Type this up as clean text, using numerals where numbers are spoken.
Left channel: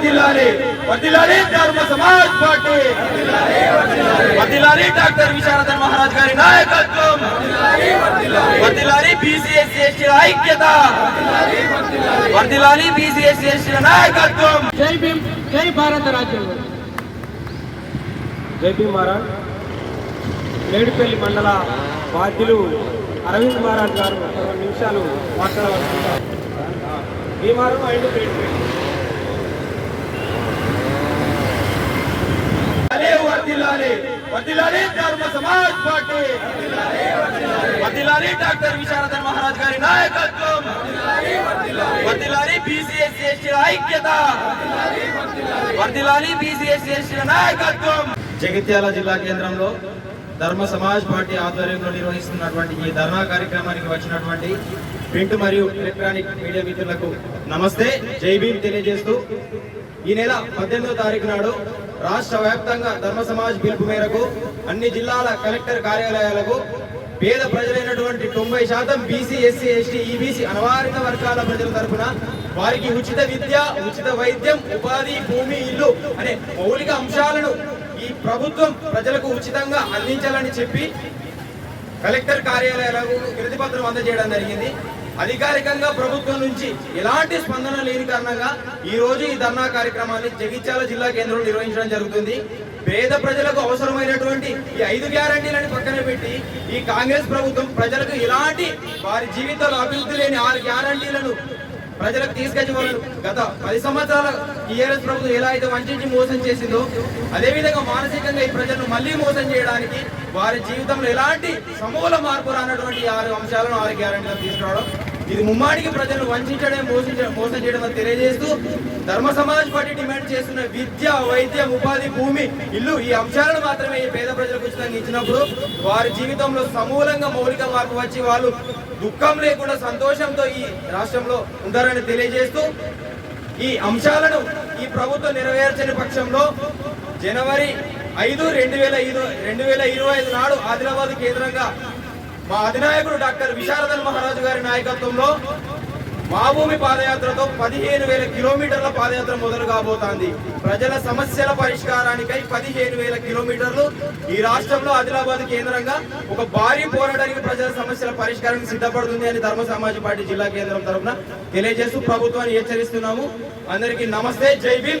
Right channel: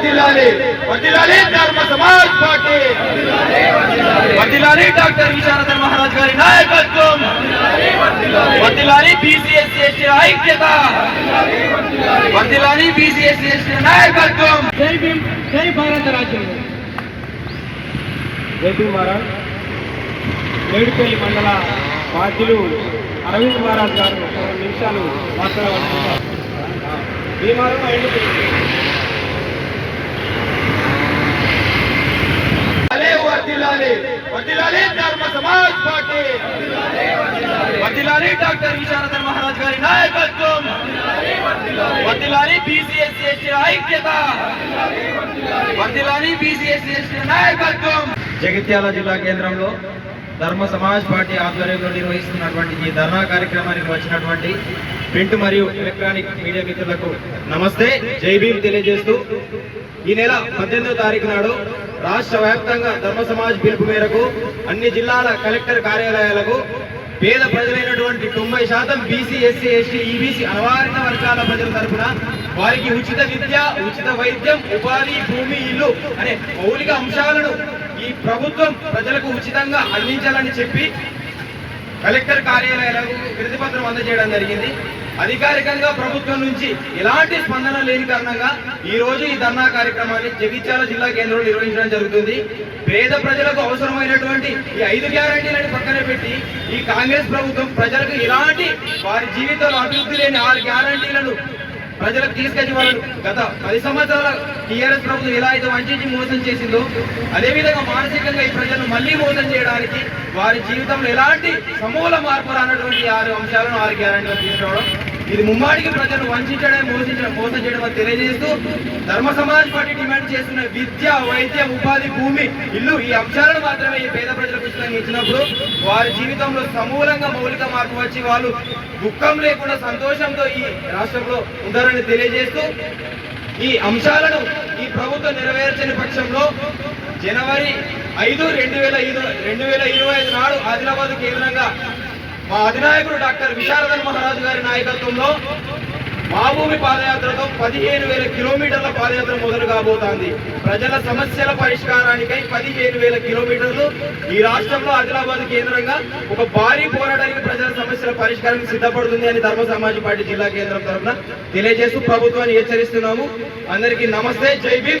వర్ధిల్లాలి వర్ధిల్లాలి ధర్మ సమాజ్ పార్టీ వర్ధిల్లాలి డాక్టర్ విశారదన్ మహారాజ్ గారి నాయకత్వం వర్ధిల్లాలి బీసీ ఎస్సీ ఎస్టీ ఐక్యత వర్ధిల్లాలి బీసీ ఎస్సీ ఎస్టీ నాయకత్వం. జై భీమ్ జై భారత రాజ్యాంగం. జై భీమ్ మహారాజ్. మేడిపల్లి మండల బాధ్యులు అరవింద్ మహారాజ్ గారు 2 నిమిషాలు మాట్లాడవలసింటారు. భీమారం అండ్ వర్ధిల్లాలి వర్ధిల్లాలి ధర్మ సమాజ్ పార్టీ వర్ధిల్లాలి డాక్టర్ విశారదన్ మహారాజ్ గారి నాయకత్వం వర్ధిల్లాలి బీసీ ఎస్సీ ఎస్టీ ఐక్యత వర్ధిల్లాలి బీసీ ఎస్సీ ఎస్టీ నాయకత్వం. జగిత్యాల జిల్లా కేంద్రంలో ధర్మ సమాజ్ పార్టీ ఆధ్వర్యంలో నిర్వహిస్తున్నటువంటి ఈ ధర్నా కార్యక్రమానికి వచ్చినటువంటి ప్రింట్ మరియు ఎలక్ట్రానిక్ మీడియా మిత్రులకు నమస్తే, జై భీమ్ తెలియజేస్తూ ఈ నెల 18వ తారీఖు నాడు రాష్ట్ర వ్యాప్తంగా ధర్మ సమాజ్ పిలుపు మేరకు అన్ని జిల్లాల కలెక్టర్ కార్యాలయాలకు పేద ప్రజలైనటువంటి 90% బీసీ ఎస్సీ ఎస్టీ ఈబీసీ అనవారిత వర్గాల ప్రజల తరఫున వారికి ఉచిత విద్య, ఉచిత వైద్యం, ఉపాధి, భూమి, ఇల్లు అనే మౌలిక అంశాలను ఈ ప్రభుత్వం ప్రజలకు ఉచితంగా అందించాలని చెప్పి కలెక్టర్ కార్యాలయాలకు వినతి పత్రం అందజేయడం జరిగింది. అధికారికంగా ప్రభుత్వం నుంచి ఎలాంటి స్పందన లేని కారణంగా ఈ రోజు ఈ ధర్నా కార్యక్రమాన్ని జగిత్యాల జిల్లా కేంద్రంలో నిర్వహించడం జరుగుతుంది. పేద ప్రజలకు అవసరమైనటువంటి ఈ 5 గ్యారంటీలను పక్కన పెట్టి ఈ కాంగ్రెస్ ప్రభుత్వం ప్రజలకు ఎలాంటి వారి జీవితంలో అభివృద్ధి లేని 6 గ్యారంటీలను ప్రజలకు తీసుకొచ్చి వాళ్ళు గత 10 సంవత్సరాల టీఆర్ఎస్ ప్రభుత్వం ఎలా అయితే వంచి మోసం చేసిందో అదేవిధంగా మానసికంగా ఈ ప్రజలను మళ్లీ మోసం చేయడానికి వారి జీవితంలో ఎలాంటి సమూల మార్పు రానటువంటి 6 అంశాలను 6 గ్యారంటీలు తీసుకురావడం ఇది ముమ్మాడికి ప్రజలను వంచడం మోసం చేయడం అని తెలియజేస్తూ ధర్మ సమాజ్ పార్టీ డిమాండ్ చేస్తున్న విద్య, వైద్యం, ఉపాధి, భూమి, ఇల్లు ఈ అంశాలను మాత్రమే ఈ పేద ప్రజలకు ఉచితంగా ఇచ్చినప్పుడు వారి జీవితంలో సమూలంగా మౌలిక మార్పు వచ్చి వాళ్ళు దుఃఖం లేకుండా సంతోషంతో ఈ రాష్ట్రంలో ఉంటారని తెలియజేస్తూ ఈ అంశాలను ఈ ప్రభుత్వం నెరవేర్చని పక్షంలో జనవరి 5, 2025 నాడు ఆదిలాబాద్ కేంద్రంగా మా అధినాయకుడు డాక్టర్ విశారదన్ మహారాజు గారి నాయకత్వంలో మా భూమి పాదయాత్రతో 15,000 కిలోమీటర్ల పాదయాత్ర మొదలు కాబోతోంది. ప్రజల సమస్యల పరిష్కారానికై 15,000 కిలోమీటర్లు ఈ రాష్ట్రంలో ఆదిలాబాద్ కేంద్రంగా ఒక భారీ పోరాటానికి ప్రజల సమస్యల పరిష్కారానికి సిద్ధపడుతుంది అని ధర్మ సమాజ్ పార్టీ జిల్లా కేంద్రం తరఫున తెలియజేస్తూ ప్రభుత్వాన్ని హెచ్చరిస్తున్నాము. అందరికీ నమస్తే, జై భీమ్.